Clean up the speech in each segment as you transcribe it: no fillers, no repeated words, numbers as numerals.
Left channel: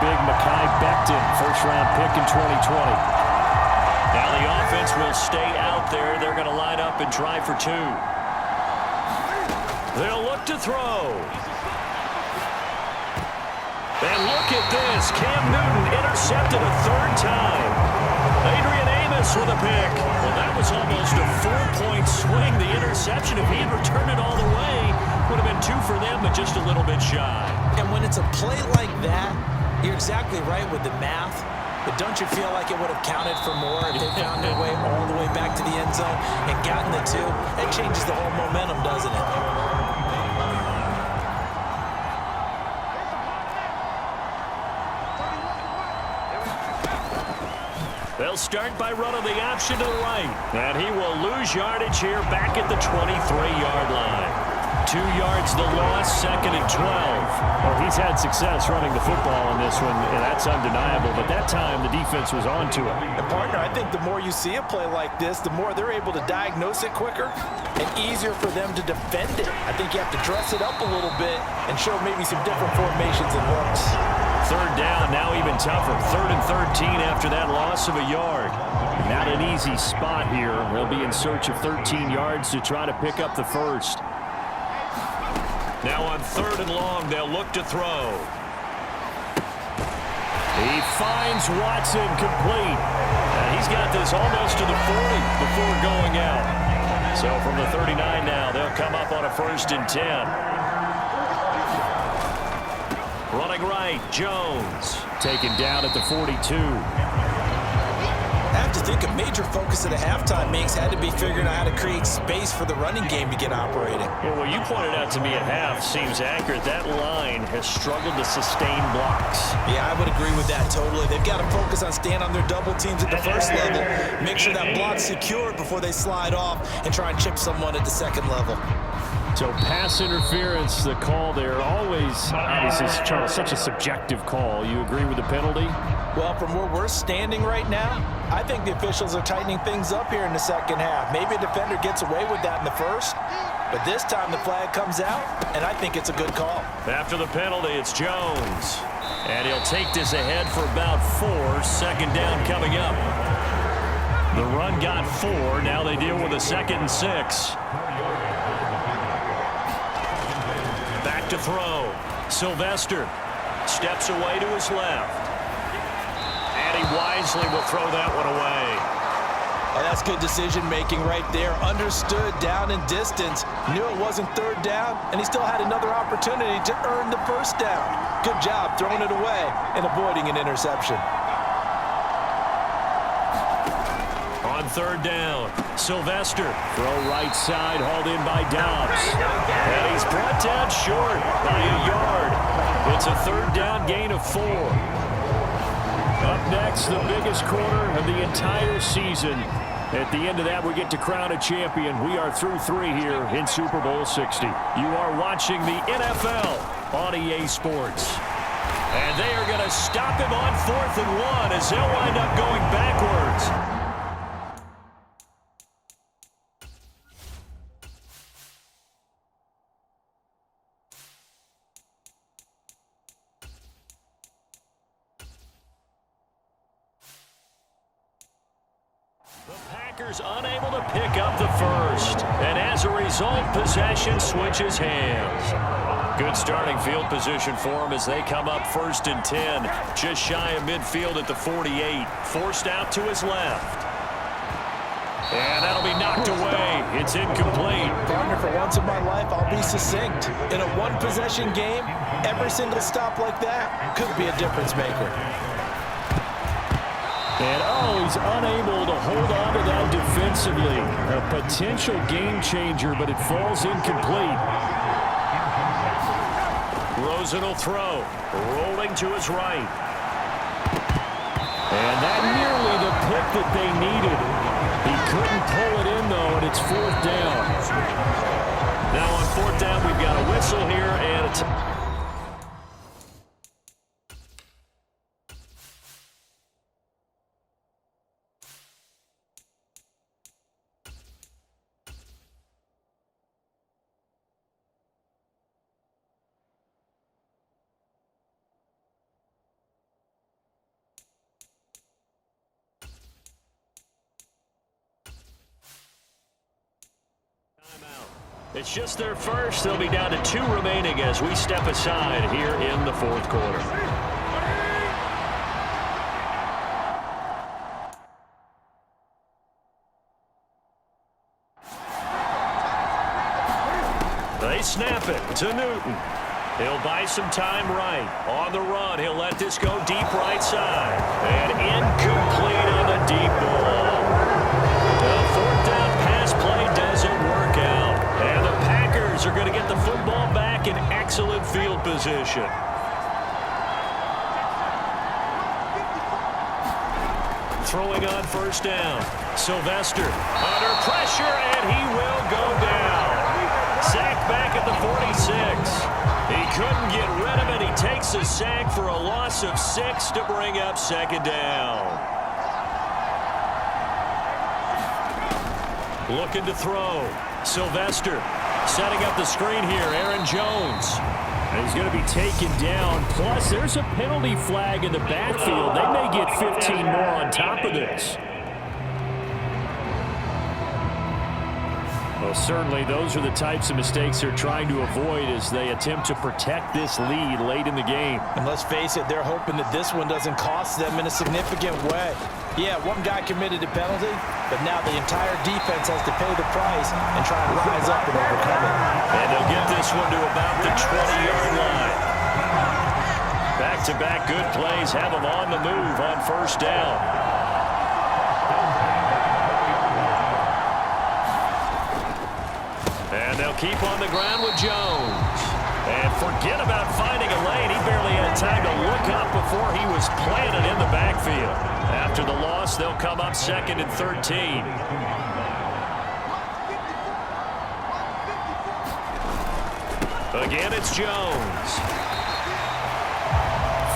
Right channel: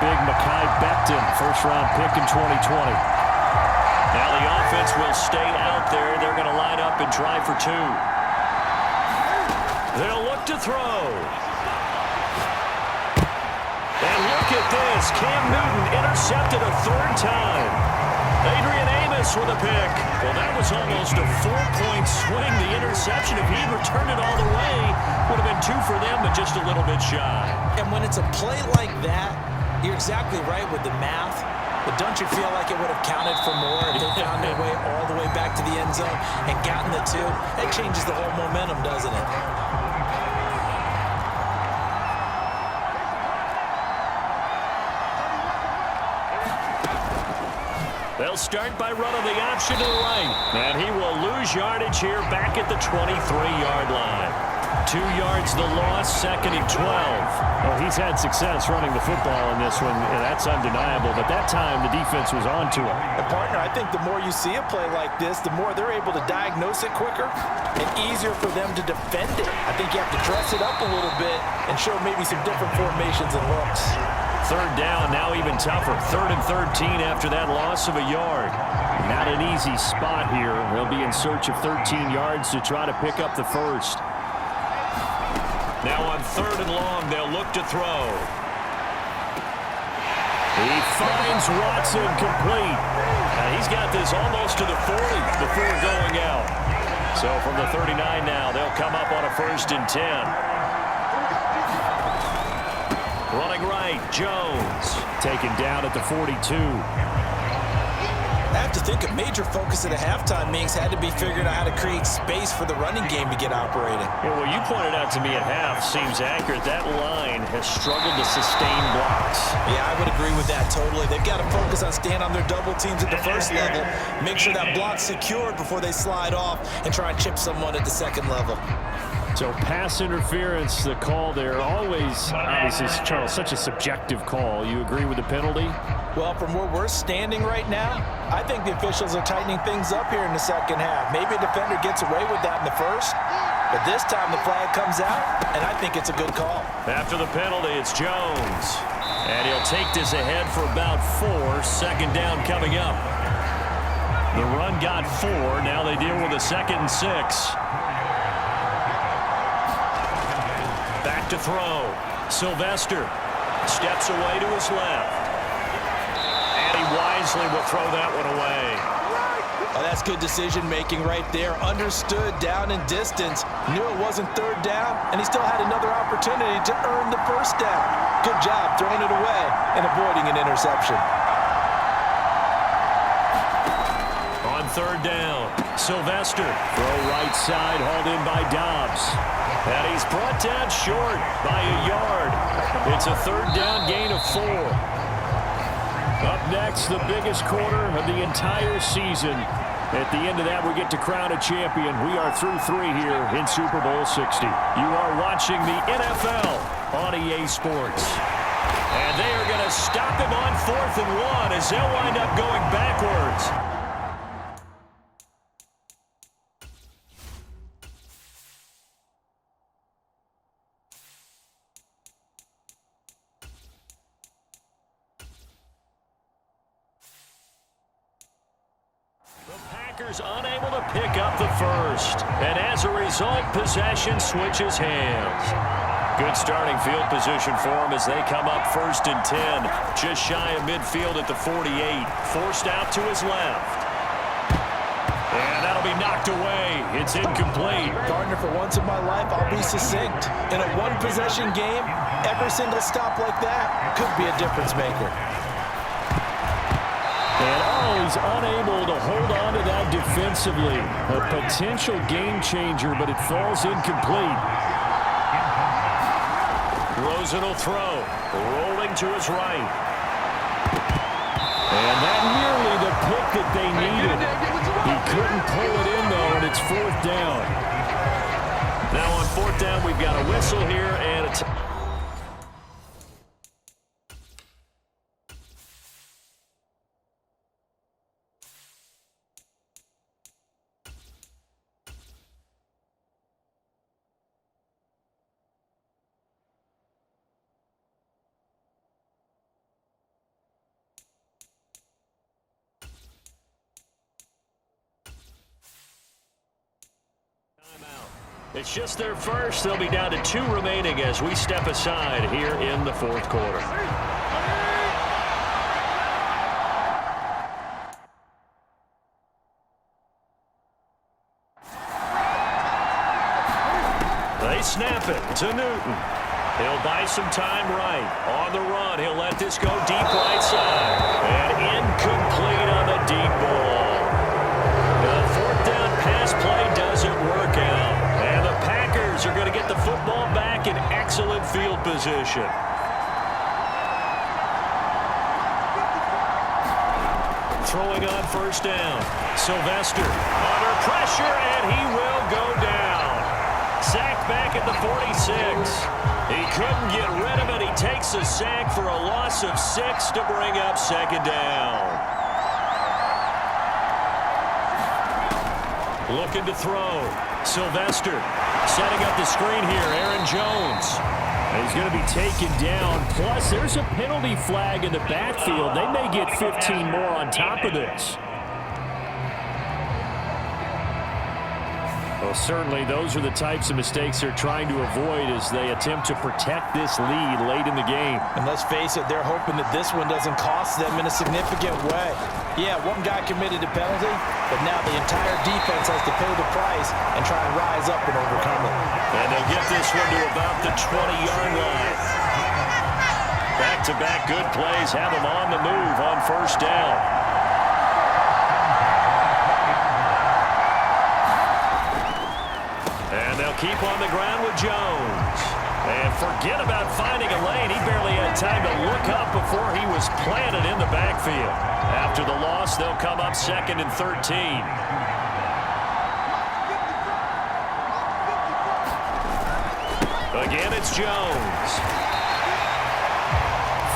big Mekhi Becton, first-round pick in 2020. Now the offense will stay out there. They're going to line up and try for two. They'll look to throw. And look at this. Cam Newton intercepted a third time. Adrian Amos with a pick. Well, that was almost a 4-point swing. The interception, if he had returned it all the way, would have been 2 for them, but just a little bit shy. And when it's a play like that, you're exactly right with the math. But don't you feel like it would have counted for more if they found their way all the way back to the end zone and gotten the 2? That changes the whole momentum, doesn't it? They'll start by running the option to the right. And he will lose yardage here back at the 23-yard line. 2 yards the loss, 2nd and 12. Well, he's had success running the football in this one, and that's undeniable. But that time, the defense was on to him. And, partner, I think the more you see a play like this, the more they're able to diagnose it quicker and easier for them to defend it. I think you have to dress it up a little bit and show maybe some different formations and looks. 3rd down, now even tougher. 3rd and 13 after that loss of a yard. Not an easy spot here. They'll be in search of 13 yards to try to pick up the first. Now on 3rd and long, they'll look to throw. He finds Watson complete. He's got this almost to the 40 before going out. So from the 39 now, they'll come up on a 1st and 10. Running right, Jones. Taken down at the 42. I have to think a major focus at a halftime, Minks, had to be figuring out how to create space for the running game to get operating. Well, what you pointed out to me at half seems accurate. That line has struggled to sustain blocks. Yeah, I would agree with that totally. They've got to focus on staying on their double teams at the first level, make sure that block's secured before they slide off and try and chip someone at the second level. So pass interference, the call there, always, obviously, Charles, such a subjective call. You agree with the penalty? Well, from where we're standing right now, I think the officials are tightening things up here in the second half. Maybe a defender gets away with that in the first, but this time the flag comes out, and I think it's a good call. After the penalty, it's Jones. And he'll take this ahead for about 4. 2nd down coming up. The run got 4. Now they deal with a 2nd and 6. Back to throw. Sylvester steps away to his left. And he wisely will throw that one away. Oh, that's good decision-making right there. Understood down and distance. Knew it wasn't 3rd down, and he still had another opportunity to earn the 1st down. Good job throwing it away and avoiding an interception. On 3rd down, Sylvester. Throw right side, hauled in by Dobbs. And he's brought down short by a yard. It's a 3rd down gain of 4. Up next, the biggest quarter of the entire season. At the end of that, we get to crown a champion. We are through 3 here in Super Bowl 60. You are watching the NFL on EA Sports. And they are going to stop him on 4th and 1 as they'll wind up going backwards. Unable to pick up the first, and as a result, possession switches hands. Good starting field position for them as they come up 1st and 10, just shy of midfield at the 48, forced out to his left. And that'll be knocked away. It's incomplete. Partner, for once in my life, I'll be succinct. In a one-possession game, every single stop like that could be a difference maker. And, oh, he's unable to hold on to that defensively. A potential game changer, but it falls incomplete. Rosen will throw, rolling to his right. And that nearly the pick that they needed. He couldn't pull it in, though, and it's 4th down. Now on 4th down, we've got a whistle here, and it's... It's just their first. They'll be down to 2 remaining as we step aside here in the fourth quarter. They snap it to Newton. He'll buy some time right. On the run, he'll let this go deep right side. And incomplete on the deep ball. The fourth down pass play doesn't work out. And the Packers are going to get the football back in excellent field position. Throwing on first down. Sylvester under pressure, and he will go down. Sacked back at the 46. He couldn't get rid of it. He takes a sack for a loss of 6 to bring up second down. Looking to throw. Sylvester setting up the screen here. Aaron Jones. And he's going to be taken down. Plus, there's a penalty flag in the backfield. They may get 15 more on top of this. Well, certainly those are the types of mistakes they're trying to avoid as they attempt to protect this lead late in the game. And let's face it, they're hoping that this one doesn't cost them in a significant way. Yeah, one guy committed a penalty, but now the entire defense has to pay the price and try and rise up and overcome it. And they'll get this one to about the 20-yard line. Back-to-back good plays have them on the move on first down. And they'll keep on the ground with Jones. And forget about finding a lane. He barely had time to look up before he was planted in the backfield. After the loss, they'll come up 2nd and 13. Again, it's Jones.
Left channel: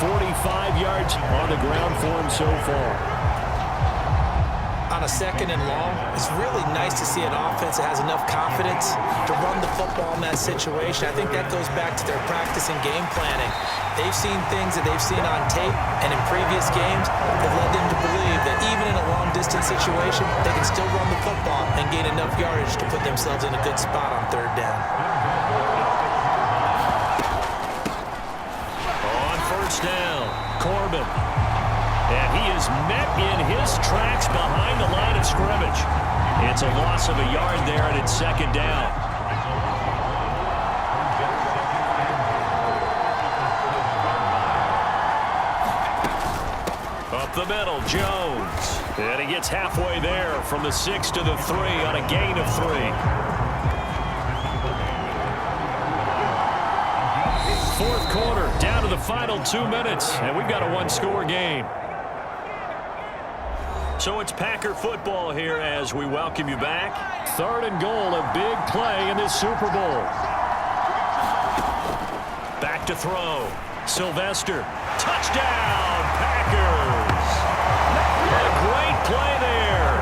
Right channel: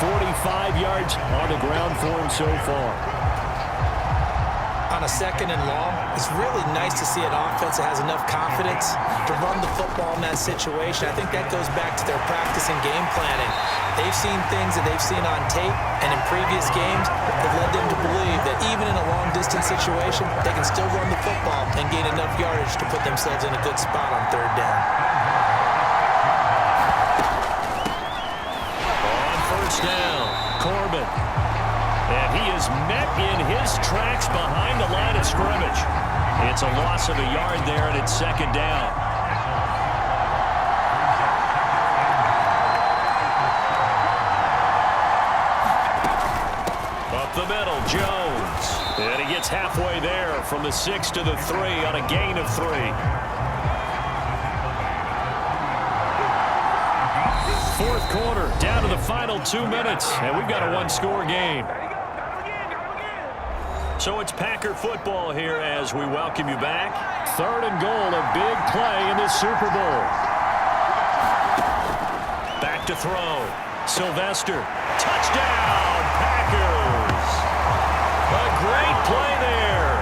45 yards on the ground for him so far. On a 2nd and long, it's really nice to see an offense that has enough confidence to run the football in that situation. I think that goes back to their practice and game planning. They've seen things that they've seen on tape and in previous games that led them to believe that even in a long-distance situation, they can still run the football and gain enough yardage to put themselves in a good spot on 3rd down. On first down, Corbin. And he is met in his tracks behind the line of scrimmage. It's a loss of a yard there, and it's 2nd down. Up the middle, Jones. And he gets halfway there from the 6 to the 3 on a gain of 3. 4th quarter, down to the final 2 minutes, and we've got a 1-score game. So it's Packer football here as we welcome you back. 3rd and goal, a big play in this Super Bowl. Back to throw. Sylvester. Touchdown, Packers. A great play there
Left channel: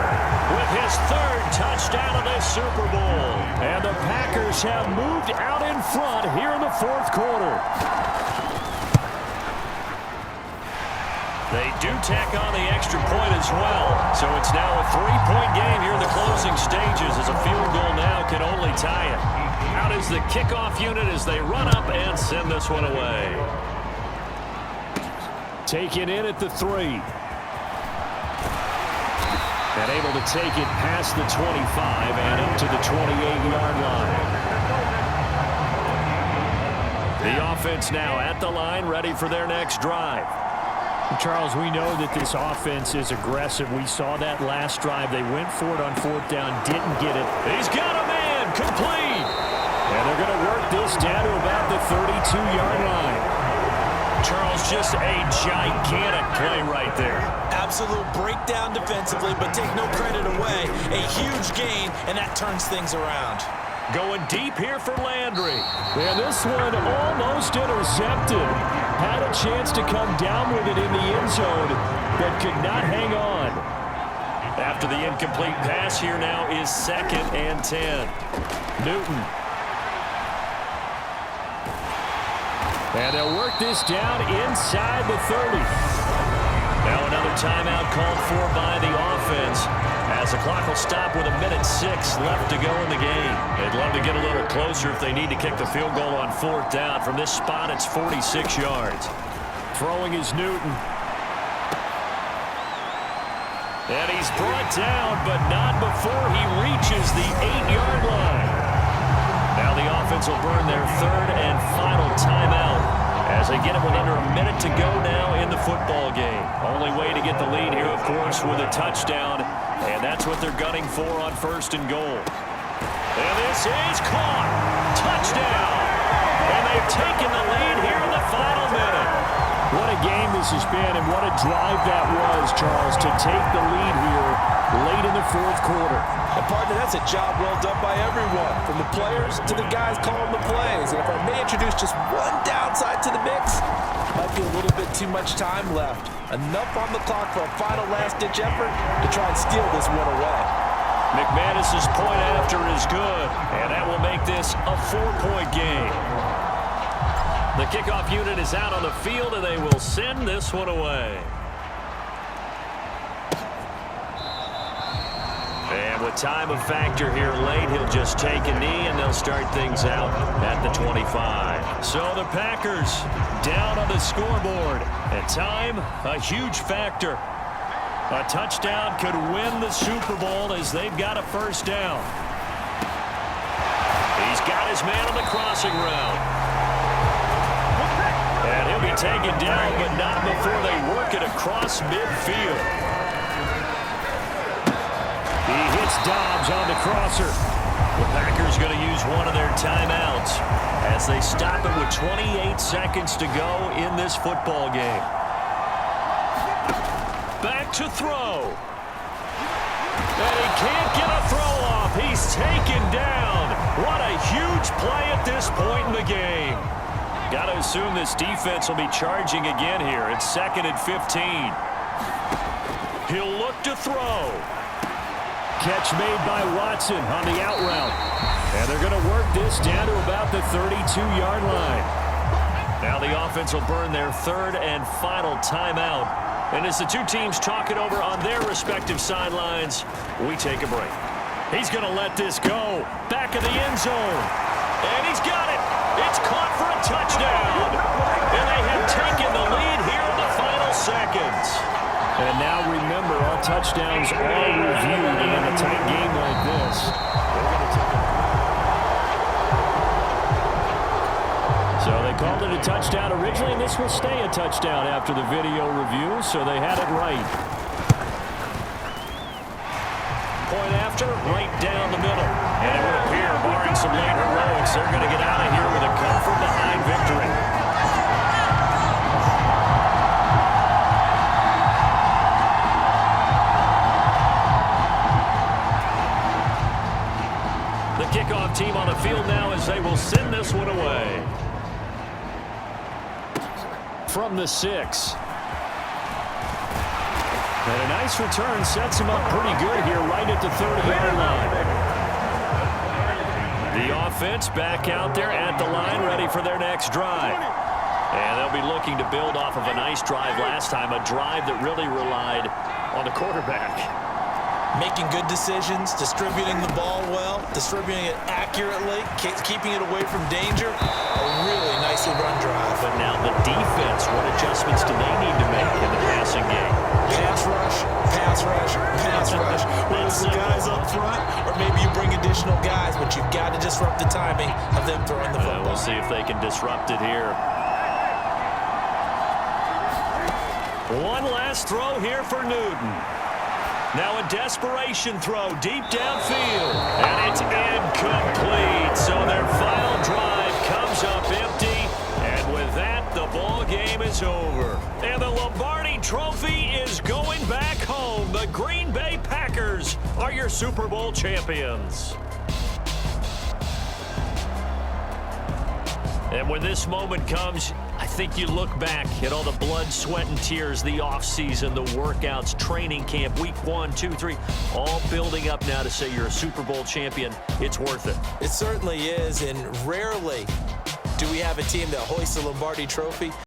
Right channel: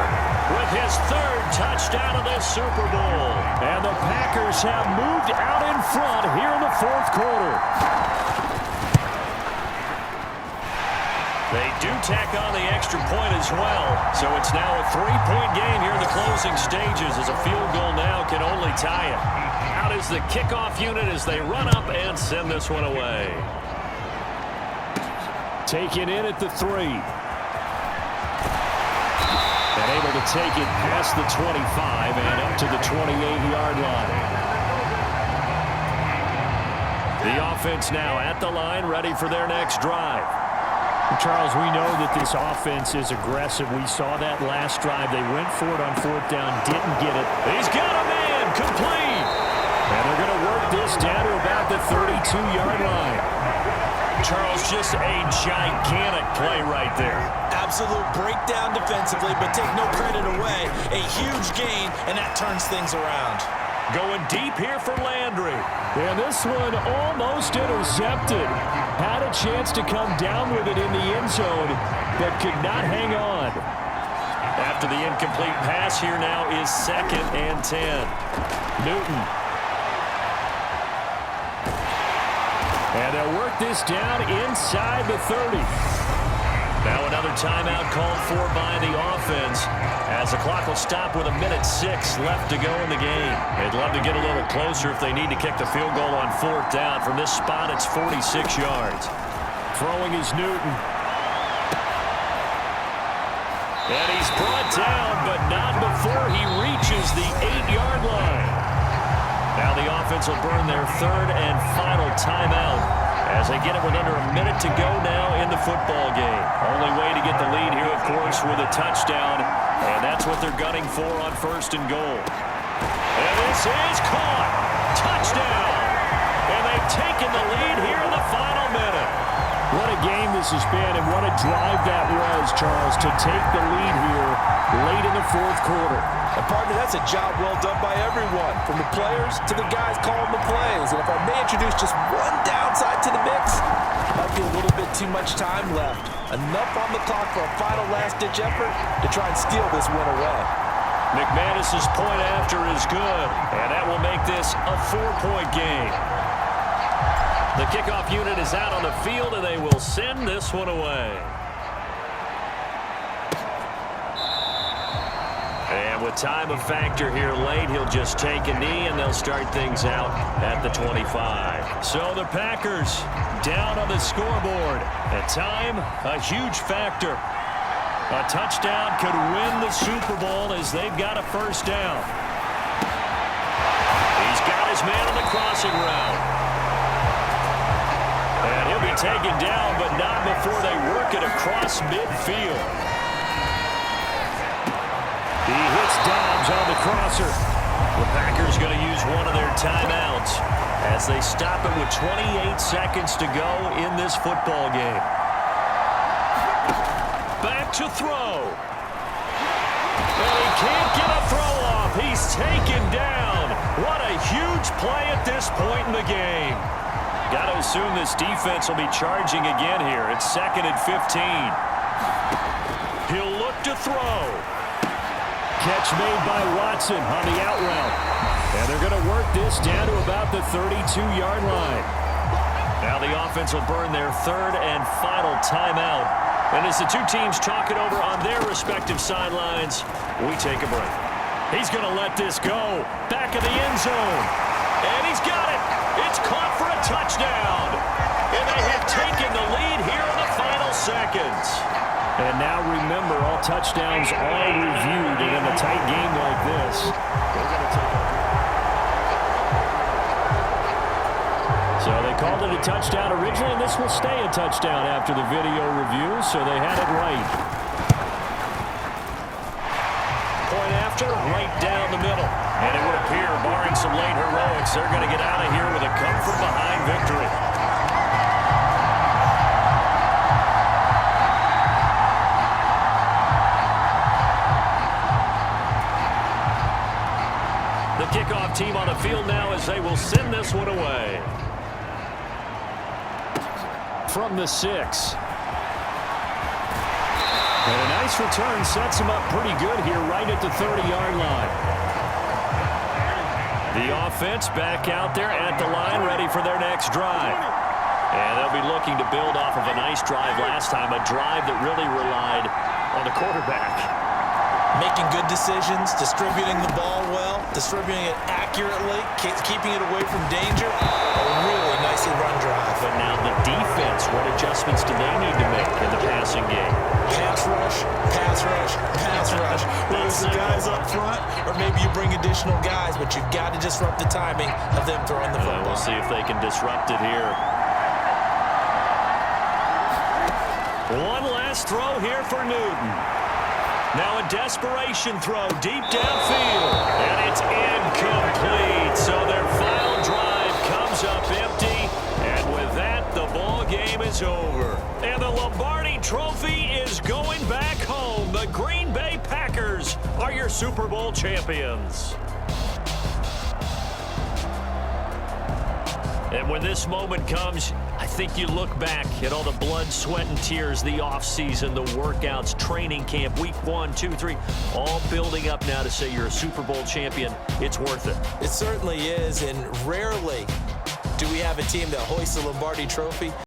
with his 3rd touchdown of this Super Bowl. And the Packers have moved out in front here in the 4th quarter. They do tack on the extra point as well. So it's now a 3-point game here in the closing stages as a field goal now can only tie it. Out is the kickoff unit as they run up and send this one away. Taken in at the 3. And able to take it past the 25 and up to the 28-yard line. The offense now at the line, ready for their next drive. Charles, we know that this offense is aggressive. We saw that last drive. They went for it on 4th down, didn't get it. He's got a man, complete. And they're going to work this down to about the 32-yard line. Charles, just a gigantic play right there. Absolute breakdown defensively, but take no credit away. A huge gain, and that turns things around. Going deep here for Landry. And this one almost intercepted. Had a chance to come down with it in the end zone, but could not hang on. After the incomplete pass, here now is 2nd and 10. Newton. And they'll work this down inside the 30. Now another timeout called for by the offense as the clock will stop with 1:06 left to go in the game. They'd love to get a little closer if they need to kick the field goal on 4th down. From this spot, it's 46 yards. Throwing is Newton. And he's brought down, but not before he reaches the 8-yard line. Now the offense will burn their 3rd and final timeout as they get it with under 1 minute to go now in the football game. Only way to get the lead here, of course, with a touchdown, and that's what they're gunning for on 1st and goal. And this is caught. Touchdown. And they've taken the lead here in the final minute. What a game this has been, and what a drive that was, Charles, to take the lead here late in the 4th quarter. And partner, that's a job well done by everyone, from the players to the guys calling the plays. And if I may introduce just one downside to the mix, might be a little bit too much time left. Enough on the clock for a final last-ditch effort to try and steal this win away. McManus's point after is good, and that will make this a 4-point game. The kickoff unit is out on the field, and they will send this one away. And with time a factor here late, he'll just take a knee, and they'll start things out at the 25. So the Packers down on the scoreboard. And time, a huge factor. A touchdown could win the Super Bowl as they've got a 1st down. He's got his man on the crossing route. And he'll be taken down, but not before they work it across midfield. He hits Dobbs on the crosser. The Packers going to use one of their timeouts as they stop it with 28 seconds to go in this football game. Back to throw. And he can't get a throw off. He's taken down. What a huge play at this point in the game. Got to assume this defense will be charging again here. It's 2nd and 15. He'll look to throw. Catch made by Watson on the out route. And they're going to work this down to about the 32-yard line. Now the offense will burn their 3rd and final timeout. And as the two teams talk it over on their respective sidelines, we take a break. He's going to let this go. Back of the end zone. And he's got it. It's caught for a touchdown. And they have taken the lead here in the final seconds. And now remember, all touchdowns are reviewed, and in a tight game like this, they're going to take a... So they called it a touchdown originally, and this will stay a touchdown after the video review, so they had it right. Point after, right down the middle. And it would appear, barring some late heroics, they're going to get out of here with a come-from-behind victory. The kickoff team on the field now as they will send this one away. From the 6. And a nice return sets him up pretty good here right at the 30-yard line. The offense back out there at the line, ready for their next drive. And they'll be looking to build off of a nice drive last time, a drive that really relied on the quarterback. Making good decisions, distributing the ball well, distributing it accurately, keeping it away from danger. A really nicely run drive. But now the defense, what adjustments do they need to make in the passing game? Pass rush, pass rush, pass rush. Whether it's the guys up front or maybe you bring additional guys, but you've got to disrupt the timing of them throwing the football. We'll see if they can disrupt it here. One last throw here for Newton. Now a desperation throw deep downfield. And it's incomplete. So their final drive comes up empty. And with that, the ball game is over. And the Lombardi Trophy is going back home. The Green Bay Packers are your Super Bowl champions. And when this moment comes, I think you look back at all the blood, sweat, and tears, the offseason, the workouts, training camp, week 1, 2, 3, all building up now to say you're a Super Bowl champion. It's worth it. It certainly is, and rarely do we have a team that hoists the Lombardi Trophy